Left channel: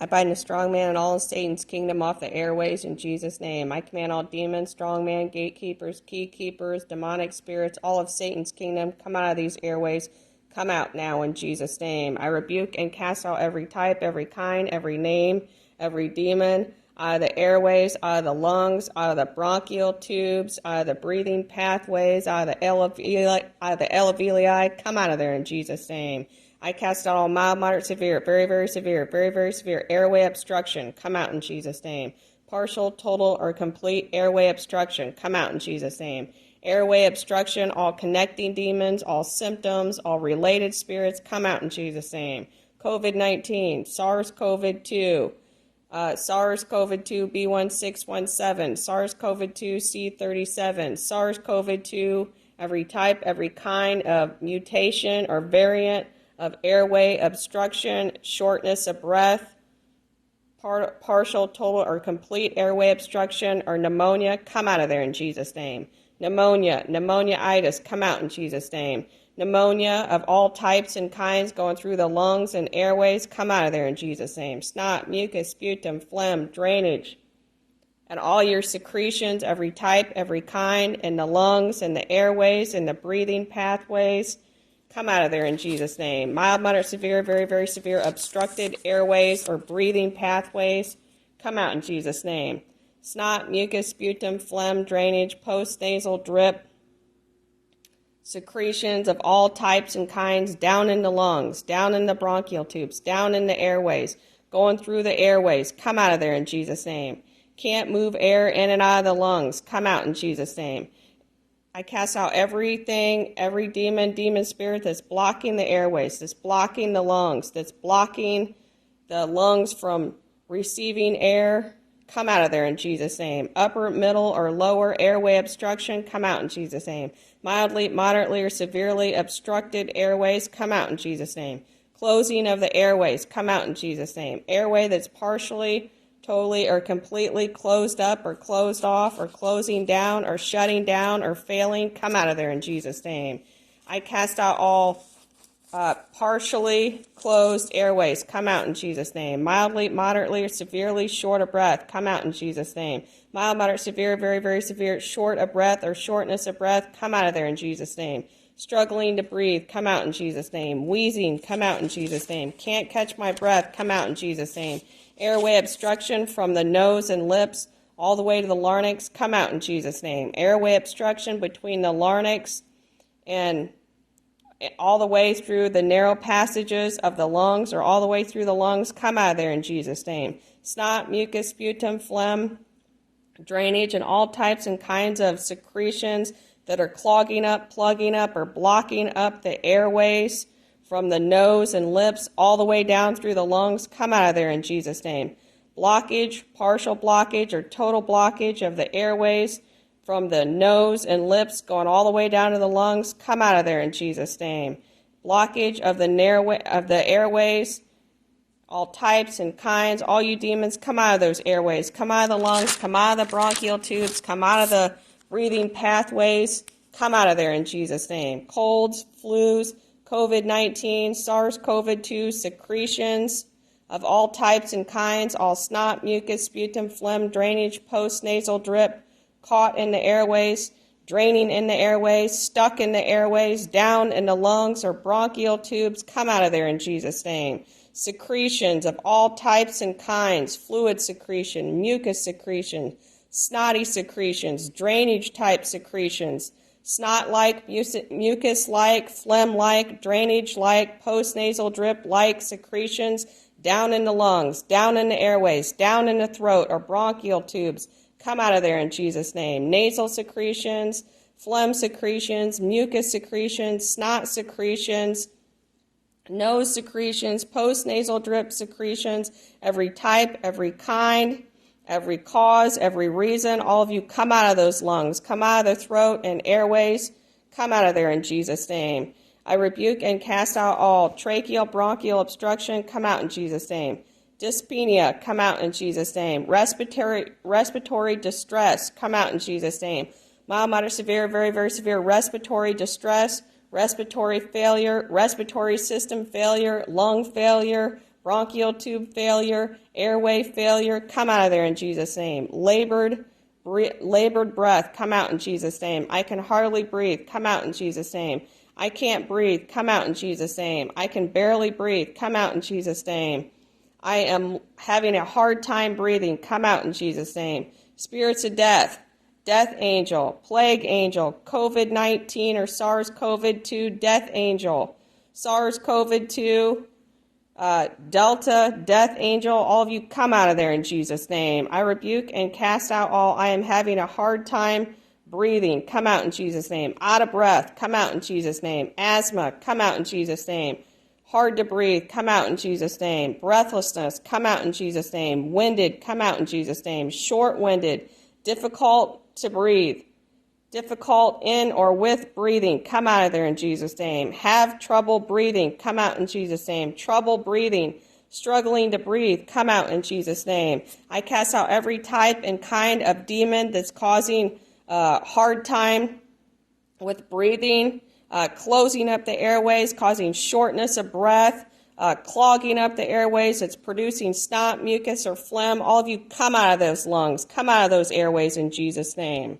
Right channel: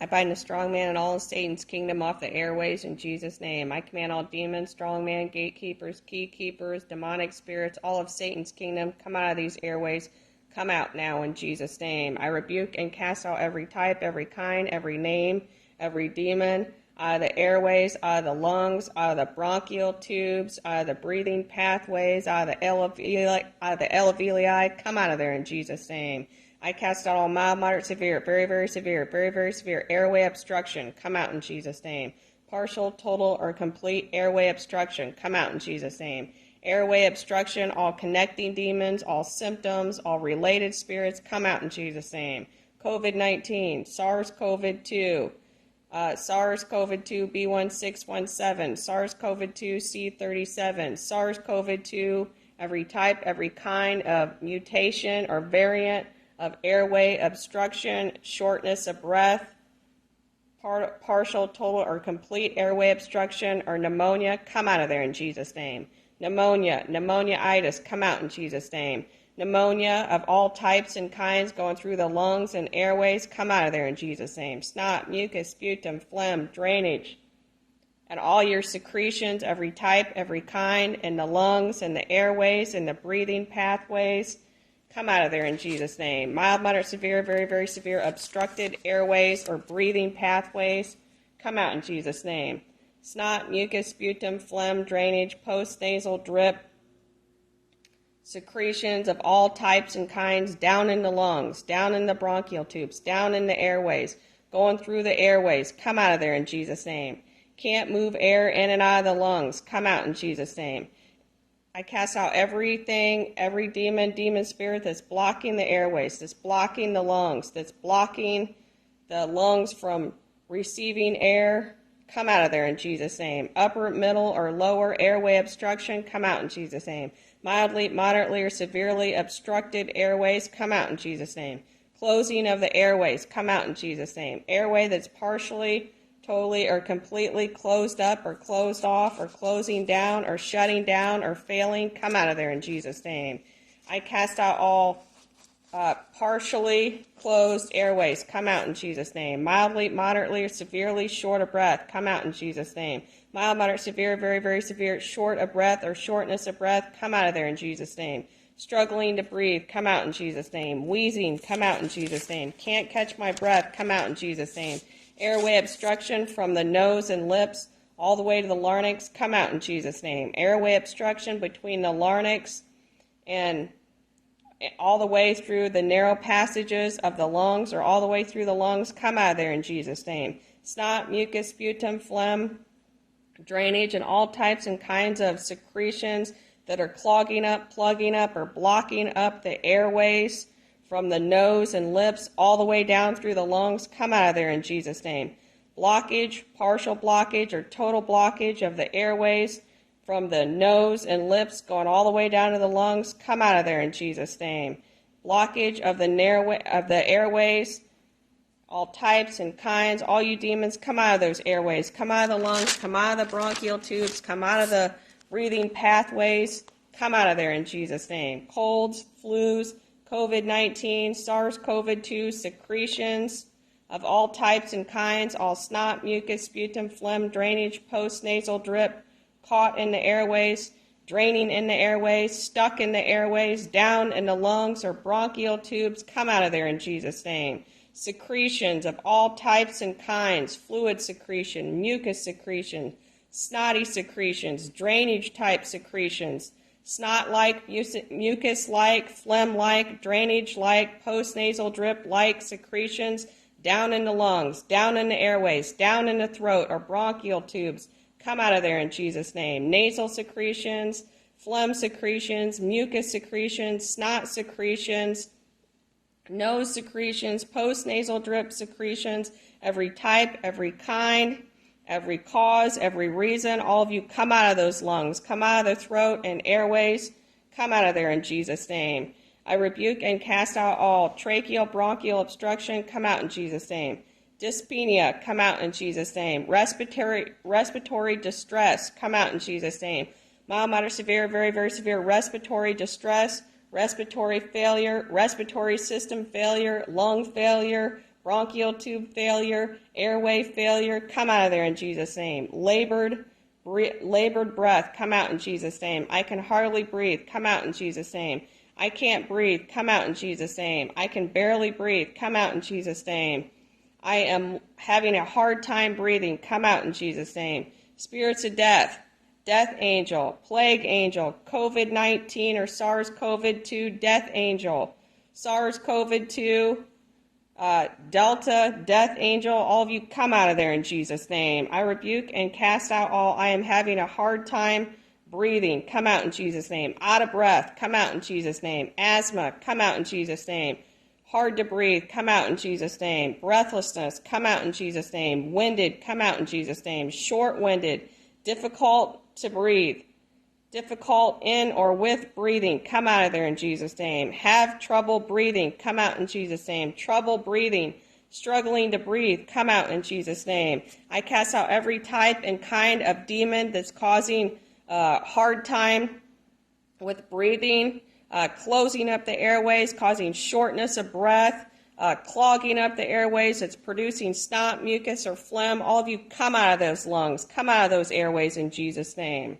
I bind the strong man and all of Satan's kingdom off the airways in Jesus' name. I command all demons, strong man, gatekeepers, key keepers, demonic spirits, all of Satan's kingdom, come out of these airways. Come out now in Jesus' name. I rebuke and cast out every type, every kind, every name, every demon, out of the airways, out of the lungs, out of the bronchial tubes, out of the breathing pathways, out of the alveoli. Come out of there in Jesus' name. I cast out all mild, moderate, severe, very, very severe, very, very severe airway obstruction. Come out in Jesus' name. Partial, total, or complete airway obstruction. Come out in Jesus' name. Airway obstruction, all connecting demons, all symptoms, all related spirits, come out in Jesus' name. COVID-19, SARS-CoV-2, SARS-CoV-2 B1617, SARS-CoV-2 C37, SARS-CoV-2, every type, every kind of mutation or variant of airway obstruction, shortness of breath, partial, total, or complete airway obstruction, or pneumonia, come out of there in Jesus' name. Pneumonia, pneumonitis, come out in Jesus' name. Pneumonia of all types and kinds going through the lungs and airways, come out of there in Jesus' name. Snot, mucus, sputum, phlegm, drainage, and all your secretions, every type, every kind, in the lungs and the airways and the breathing pathways, come out of there in Jesus' name. Mild, moderate, severe, very, very severe obstructed airways or breathing pathways, come out in Jesus' name. Snot, mucus, sputum, phlegm, drainage, post-nasal drip, secretions of all types and kinds down in the lungs, down in the bronchial tubes, down in the airways, going through the airways, come out of there in Jesus' name. Can't move air in and out of the lungs, come out in Jesus' name. I cast out everything, every demon spirit that's blocking the airways, that's blocking the lungs, that's blocking the lungs from receiving air. Come out of there in Jesus' name. Upper, middle, or lower airway obstruction, come out in Jesus' name. Mildly, moderately, or severely obstructed airways, come out in Jesus' name. Closing of the airways, come out in Jesus' name. Airway that's partially, totally, or completely closed up or closed off or closing down or shutting down or failing, come out of there in Jesus' name. I cast out all partially closed airways, come out in Jesus' name. Mildly, moderately, or severely short of breath, come out in Jesus' name. Mild, moderate, severe, very, very severe, short of breath or shortness of breath, come out of there in Jesus' name. Struggling to breathe, come out in Jesus' name. Wheezing, come out in Jesus' name. Can't catch my breath, come out in Jesus' name. Airway obstruction from the nose and lips all the way to the larynx, come out in Jesus' name. Airway obstruction between the larynx and all the way through the narrow passages of the lungs or all the way through the lungs, come out of there in Jesus' name. Snot, mucus, sputum, phlegm, drainage, and all types and kinds of secretions that are clogging up, plugging up, or blocking up the airways from the nose and lips all the way down through the lungs, come out of there in Jesus' name. Blockage, partial blockage, or total blockage of the airways from the nose and lips going all the way down to the lungs, come out of there in Jesus' name. Blockage of the airways, all types and kinds, all you demons, come out of those airways, come out of the lungs, come out of the bronchial tubes, come out of the breathing pathways, come out of there in Jesus' name. Colds, flus, COVID-19, SARS-CoV-2, secretions of all types and kinds, all snot, mucus, sputum, phlegm, drainage, post-nasal drip, caught in the airways, draining in the airways, stuck in the airways, down in the lungs or bronchial tubes, come out of there in Jesus' name. Secretions of all types and kinds, fluid secretion, mucus secretion, snotty secretions, drainage type secretions, snot-like, mucus-like, phlegm-like, drainage-like, post-nasal drip-like secretions down in the lungs, down in the airways, down in the throat or bronchial tubes, come out of there in Jesus' name. Nasal secretions, phlegm secretions, mucus secretions, snot secretions, nose secretions, post-nasal drip secretions, every type, every kind, every cause, every reason, all of you come out of those lungs, come out of the throat and airways, come out of there in Jesus' name. I rebuke and cast out all tracheal, bronchial obstruction, come out in Jesus' name. Dyspnea, come out in Jesus' name. Respiratory distress, come out in Jesus' name. Mild, moderate, severe, very, very severe respiratory distress, respiratory failure, respiratory system failure, lung failure, bronchial tube failure, airway failure, come out of there in Jesus' name. Labored breath, come out in Jesus' name. I can hardly breathe, come out in Jesus' name. I can't breathe, come out in Jesus' name. I can barely breathe, come out in Jesus' name. I am having a hard time breathing, come out in Jesus' name. Spirits of death, death angel, plague angel, COVID-19 or SARS-CoV-2, death angel, SARS-CoV-2, Delta, death angel, all of you come out of there in Jesus' name. I rebuke and cast out all. I am having a hard time breathing, come out in Jesus' name. Out of breath, come out in Jesus' name. Asthma, come out in Jesus' name. Hard to breathe, come out in Jesus' name. Breathlessness, come out in Jesus' name. Winded, come out in Jesus' name. Short-winded, difficult to breathe, difficult in or with breathing, come out of there in Jesus' name. Have trouble breathing, come out in Jesus' name. Trouble breathing, struggling to breathe, come out in Jesus' name. I cast out every type and kind of demon that's causing hard time with breathing, closing up the airways, causing shortness of breath, clogging up the airways. It's producing snot, mucus, or phlegm. All of you come out of those lungs, come out of those airways in Jesus' name.